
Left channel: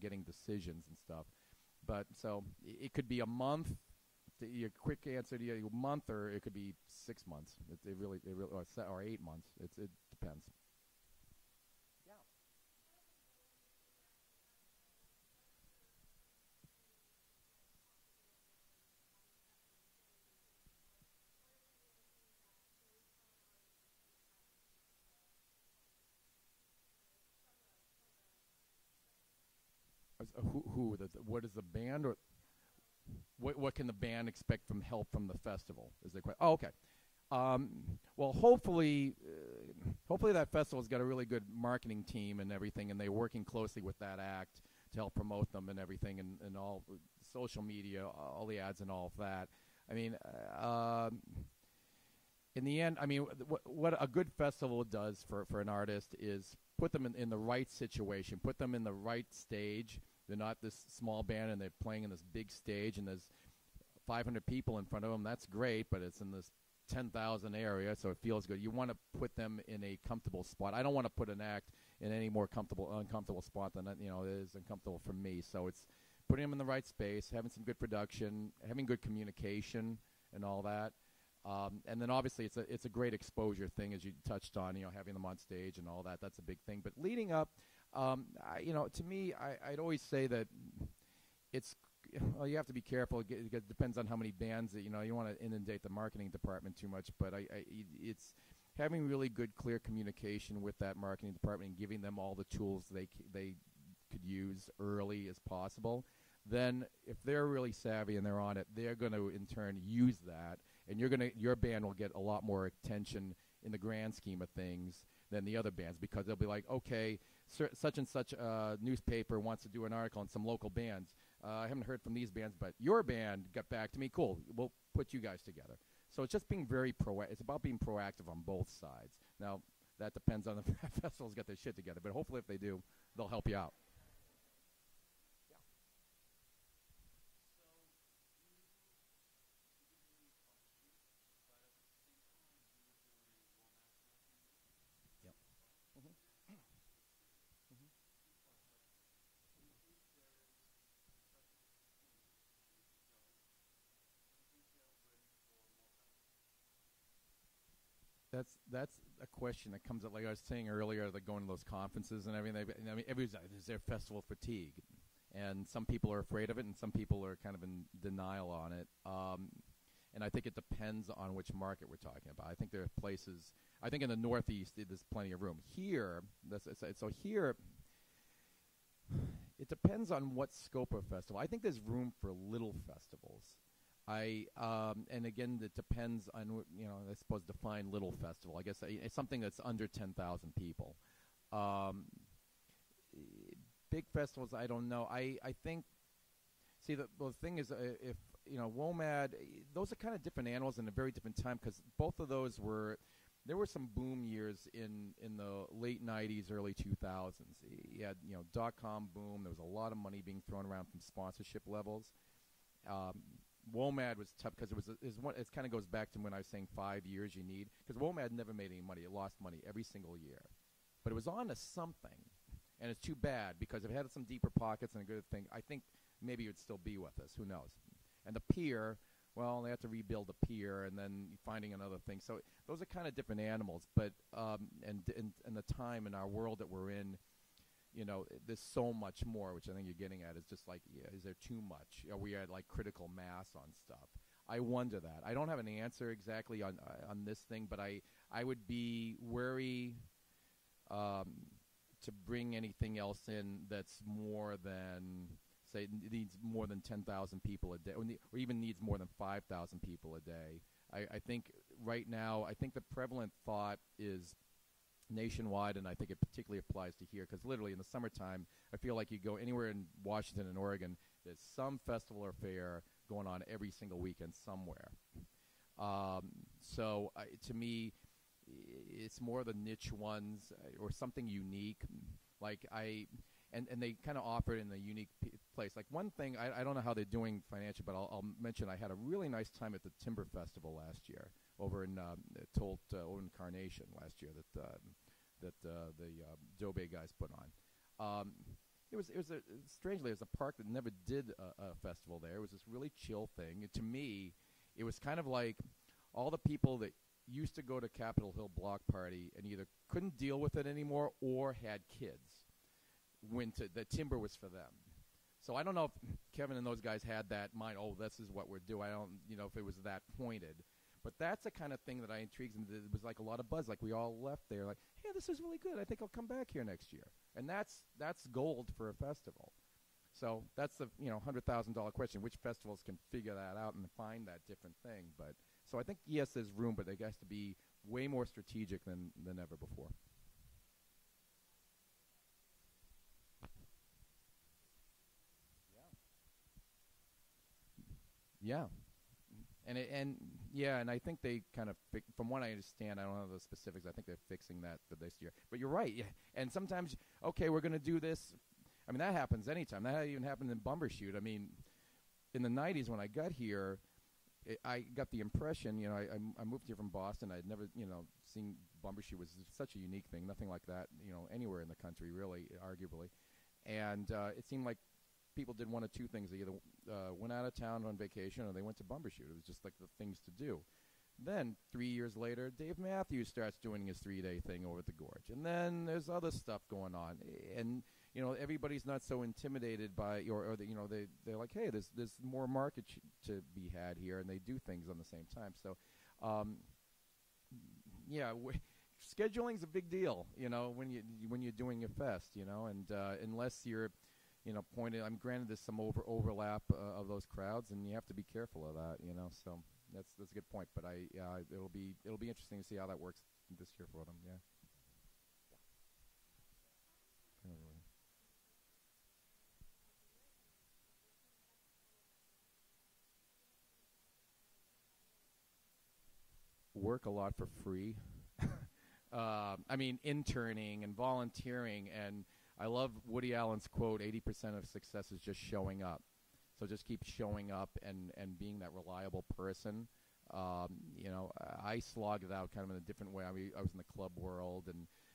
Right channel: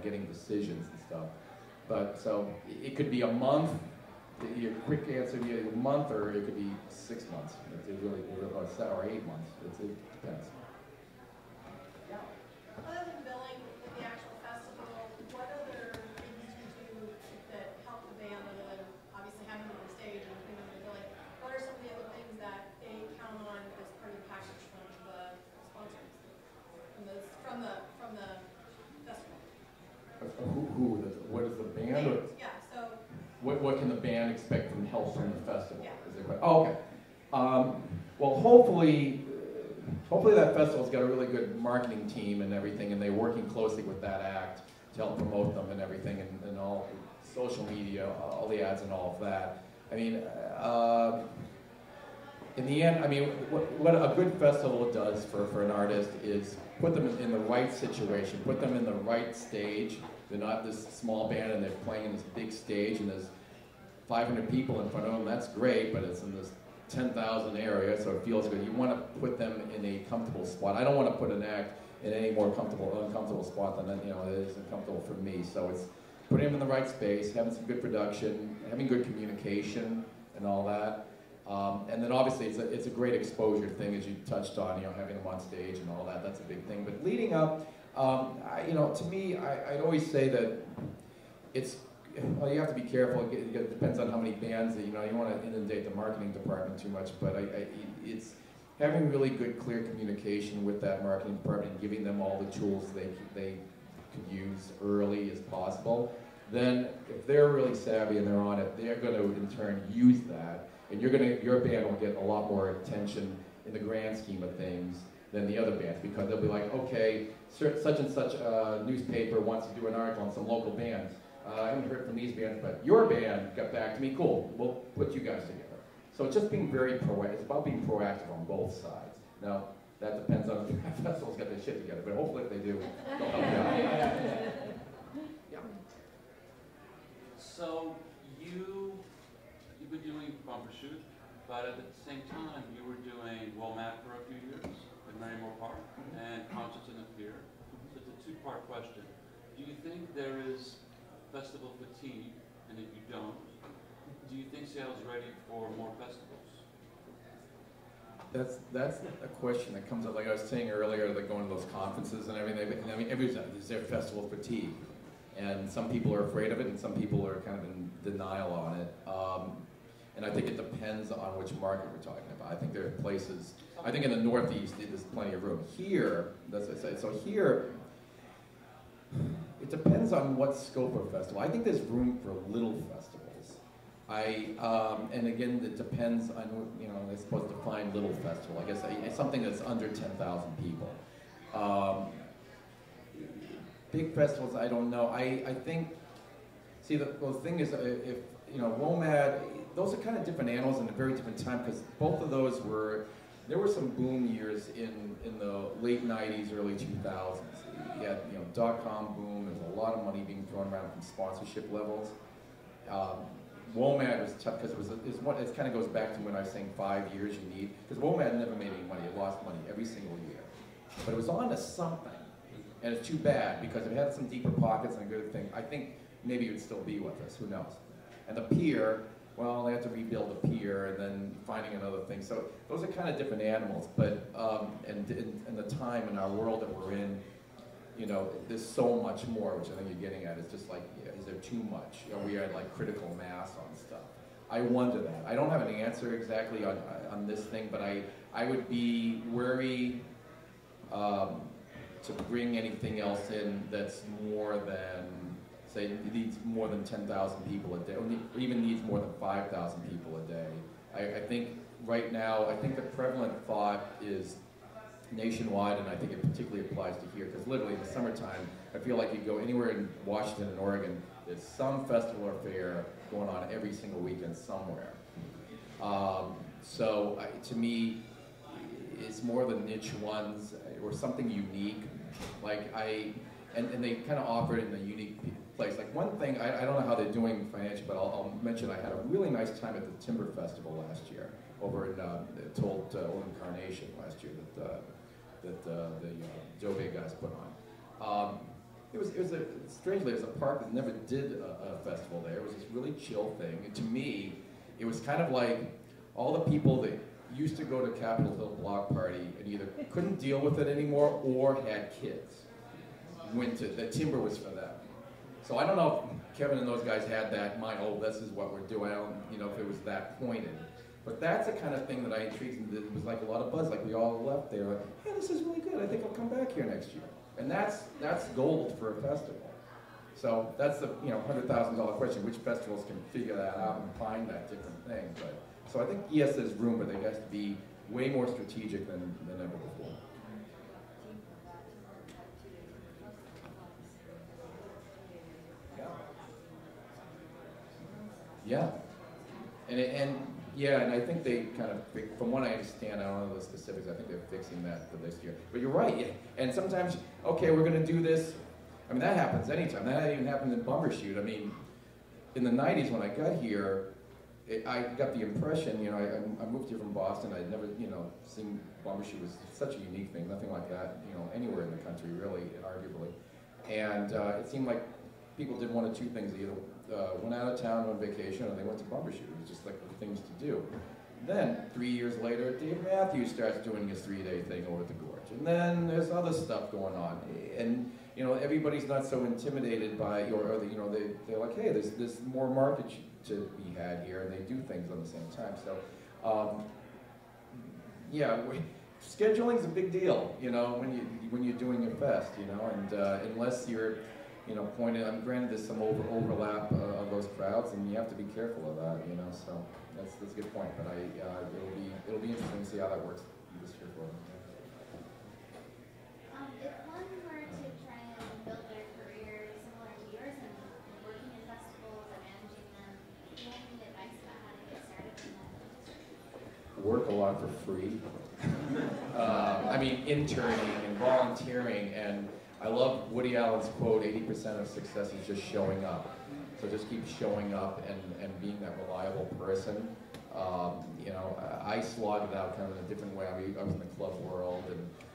getting decisions and stuff. But so it could be a month. Your quick answer would be a month, or it could be 6 months. It really, or 8 months. It depends. festival's got a really good marketing team and everything, and they're working closely with that act to help promote them and everything, and all social media, all the ads and all of that. I mean, in the end, I mean, what a good festival does for an artist is put them in the right situation, put them in the right stage. They're not this small band and they're playing in this big stage and there's 500 people in front of them. That's great, but it's in this 10,000 area, so it feels good. You want to put them in a comfortable spot. I don't want to put an act in any more uncomfortable spot than it is uncomfortable for me. So it's putting them in the right space, having some good production, having good communication, and all that. And then obviously it's a great exposure thing, as you touched on, having them on stage and all that. That's a big thing. But leading up, to me, I'd always say that it's, well, you have to be careful. It depends on how many bands that, you don't want to inundate the marketing department too much, but it's having really good, clear communication with that marketing department, giving them all the tools they could use early as possible. Then, if they're really savvy and they're on it, they're going to, in turn, use that, and your band will get a lot more attention in the grand scheme of things than the other bands, because they'll be like, okay, such and such a newspaper wants to do an article on some local bands. I haven't heard from these bands, but your band got back to me. Cool, we'll put you guys together. So it's just being very proactive. It's about being proactive on both sides. Now, that depends on if the festivals got their shit together, but hopefully if they do, they'll help you out. Yeah. So you've been doing Bumbershoot, but at the same time you were doing WOMAD for a few years in Marymore Park and Concerts in the Pier. So it's a two-part question. Do you think there is festival fatigue, and if you don't, do you think Seattle's ready for more festivals? That's a question that comes up. Like I was saying earlier, like going to those conferences and everything. I mean, is there festival fatigue? And some people are afraid of it, and some people are kind of in denial on it. And I think it depends on which market we're talking about. I think there are places. I think in the Northeast there's plenty of room. Here, that's what I say. So here. It depends on what scope of festival. I think there's room for little festivals. And again, it depends on, I suppose define little festival. I guess it's something that's under 10,000 people. Big festivals, I don't know. I think, see, the thing is, if, WOMAD, those are kind of different animals in a very different time, because both of those there were some boom years in the late 90s, early 2000s. You had, dot-com boom. There's a lot of money being thrown around from sponsorship levels. WOMAD was tough because it kind of goes back to when I was saying 5 years you need, because WOMAD never made any money. It lost money every single year. But it was on to something. And it's too bad, because it had some deeper pockets and a good thing. I think maybe it would still be with us. Who knows? And the pier, well, they had to rebuild the pier and then finding another thing. So those are kind of different animals. But and the time in our world that we're in, there's so much more, which I think you're getting at. It's just like, is there too much? Are we at like critical mass on stuff? I wonder that. I don't have an answer exactly on this thing, but I would be wary to bring anything else in that's more than, say, needs more than 10,000 people a day, or even needs more than 5,000 people a day. I think right now, the prevalent thought is nationwide, and I think it particularly applies to here, because literally in the summertime, I feel like you go anywhere in Washington and Oregon, there's some festival or fair going on every single weekend somewhere. So to me, it's more the niche ones or something unique. Like and they kind of offer it in a unique place. Like one thing, I don't know how they're doing financially, but I'll mention I had a really nice time at the Timber Festival last year over in Incarnation last year that the Dove guys put on. Strangely, it was a park that never did a festival there. It was this really chill thing. And to me, it was kind of like all the people that used to go to Capitol Hill Block Party and either couldn't deal with it anymore or had kids. The timber was for them. So I don't know if Kevin and those guys had that in mind, this is what we're doing. I don't, if it was that pointed. But that's the kind of thing that I intrigued, and it was like a lot of buzz, like we all left there, like, yeah, this is really good, I think I'll come back here next year. And that's gold for a festival. So that's the $100,000 question, which festivals can figure that out and find that different thing. So I think, yes, there's room, but they have to be way more strategic than ever before. Yeah. And yeah, and I think they kind of, from what I understand, I don't know the specifics, I think they're fixing that for this year. But you're right, yeah. And sometimes, okay, we're going to do this. I mean, that happens anytime. That even happened in Bumbershoot. I mean, in the 90s when I got here, I got the impression, you know, I moved here from Boston. I'd never, you know, seen Bumbershoot was such a unique thing, nothing like that, you know, anywhere in the country, really, arguably. And it seemed like people did one of two things. They either went out of town on vacation or they went to Bumbershoot. It was just like the things to do. Then, 3 years later, Dave Matthews starts doing his 3-day thing over at the Gorge. And then there's other stuff going on. And, you know, everybody's not so intimidated by, or you know, they're like, hey, there's more market to be had here, and they do things on the same time. So, yeah, scheduling's a big deal, you know, when you're doing a fest, you know, and unless you're, you know, pointed, granted there's some overlap of those crowds, and you have to be careful of that, you know. So that's a good point. But it'll be interesting to see how that works this year for them. If one were to try and build their career similar to yours and working in festivals and managing them, do you have any advice about how to get started in that industry? Work a lot for free. I mean, interning and volunteering, and I love Woody Allen's quote, 80% of success is just showing up. So just keep showing up and being that reliable person. You know, I slogged it out kind of in a different way. I mean, I was in the club world,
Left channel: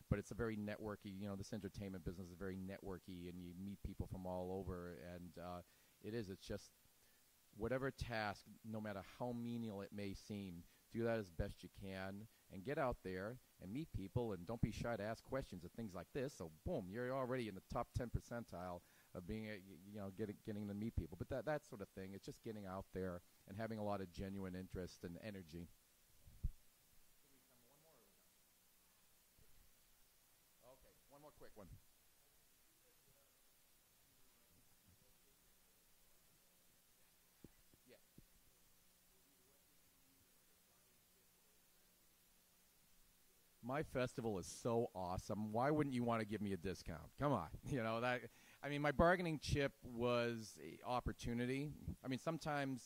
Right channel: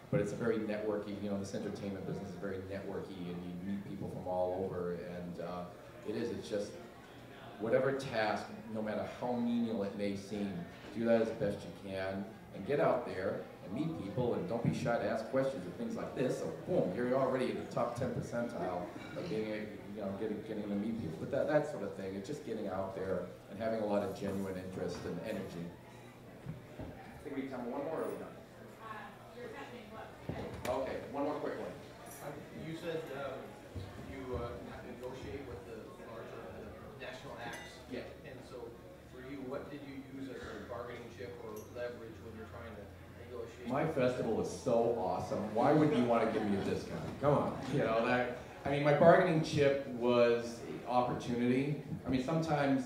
but it's a very networky, you know, this entertainment business is very networky, and you meet people from all over, and it's just, whatever task, no matter how menial it may seem, do that as best you can, and get out there and meet people, and don't be shy to ask questions and things like this. So boom, you're already in the top 10 percentile of being, you know, getting to meet people. But that sort of thing, it's just getting out there and having a lot of genuine interest and energy. I think we have time for one more, or are we done? You're catching what? Okay, one more quick one. You said you negotiate with the larger national acts. Yeah. And so, for you, what did you use as a bargaining chip or leverage when you're trying to negotiate? My festival is so awesome. Why wouldn't you want to give me a discount? Come on. You know, I mean, my bargaining chip was opportunity. I mean, sometimes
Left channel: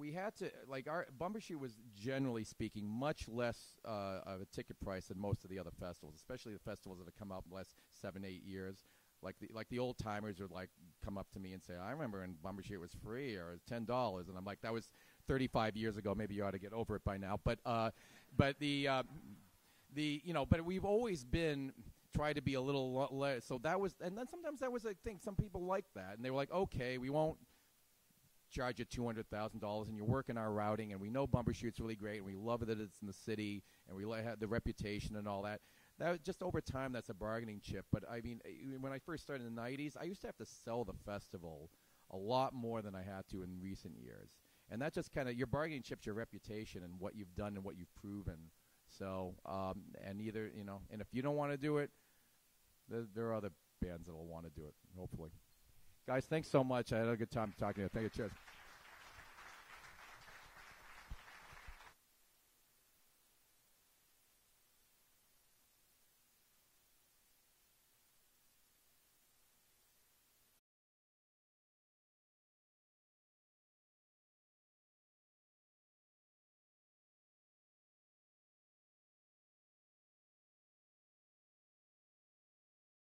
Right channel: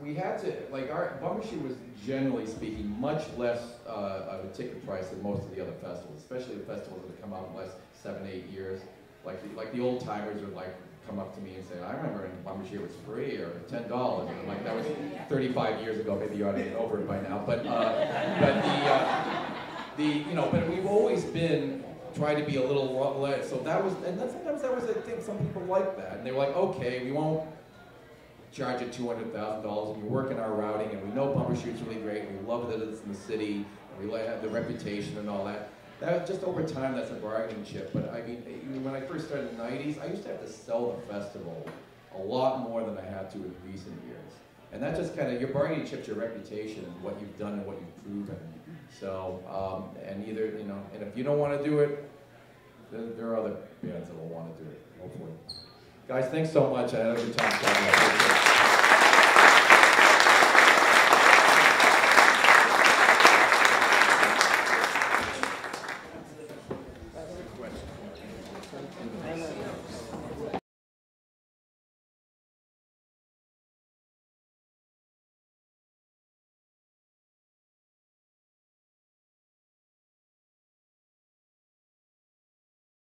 we had to, like, our Bumbershoot was, generally speaking, much less of a ticket price than most of the other festivals, especially the festivals that have come out in the last 7-8 years. Like the old timers would like come up to me and say, I remember in Bumbershoot it was free or $10. And I'm like, that was 35 years ago. Maybe you ought to get over it by now. But you know, but we've always been trying to be a little less. So that was, and then sometimes that was, I think some people like that, and they were like, okay, we won't charge you $200,000, and you work in our routing, and we know Bumbershoot's really great, and we love that it's in the city, and we have the reputation and all that. That just over time, that's a bargaining chip. But I mean, when I first started in the 90s, I used to have to sell the festival a lot more than I had to in recent years. And that just kind of, your bargaining chip's your reputation and what you've done and what you've proven. So, and either, you know, and if you don't want to do it, there are other bands that will want to do it, hopefully. Guys, thanks so much. I had a good time.